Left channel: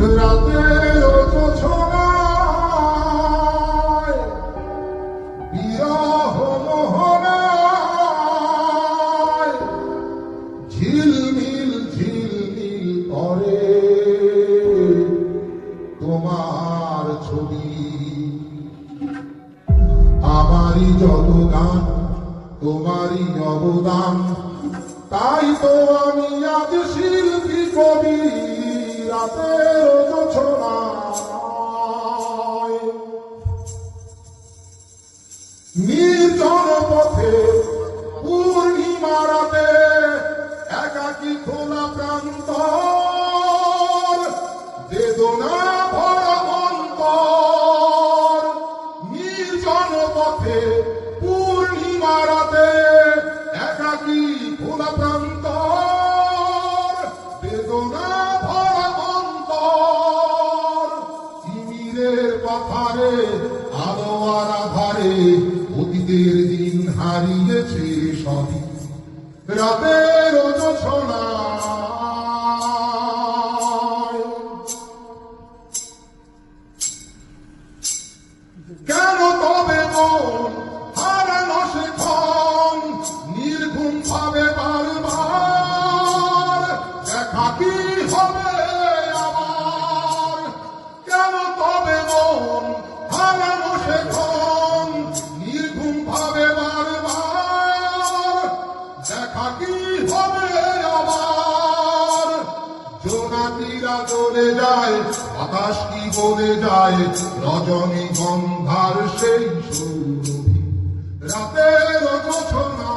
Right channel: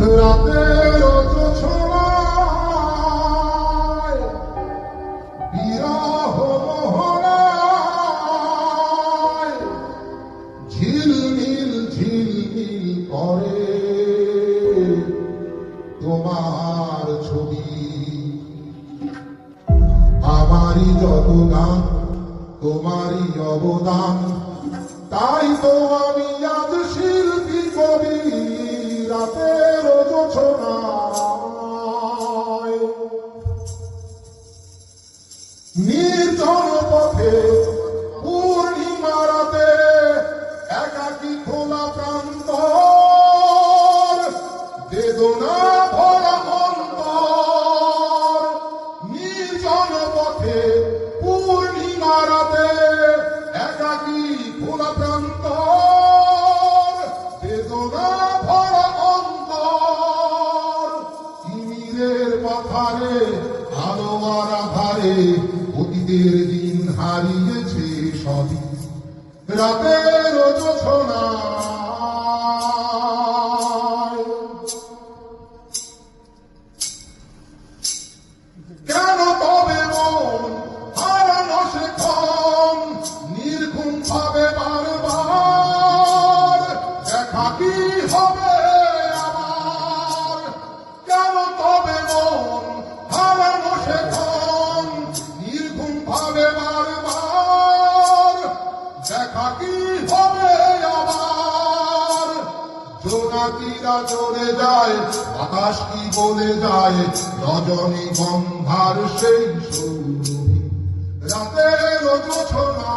রাতের জোছনায় বিরহ মোহনায় ঝিলমিল ঝিলমিল করে তোমার ছবি। আমারই যত গান তোমারই অবদান, তাই তো আমি আজ শিল্পী কবি। রাতের জোছনায় নির্জন পথে পূর্ণিমা রাতে একাকী খোলা প্রান্তর, বেদনা ভরা অন্তর। নির্জন পথে পূর্ণিমা রাতে একাকী খোলা প্রান্তর, বেদনা ভরা অন্তর। তিমিরের পাথারে আলো আর আধারে অতীতের দিন হারিয়েছে সবই। রাতের জোছনায় কেন তবে মন হারানো সে ক্ষণ নির্ঘুম ভাবে বারবার, দেখা কি হবে আবার? কেন তবে মন হারানো সে ক্ষণ নির্ঘুম ভাবে বারবার, দেখা কি হবে আবার? জোনাকিরা জ্বলে যায়, বাতাস কি বলে যায়, রজনী গন্ধার সেই সৌরভী। রাতের জোছনা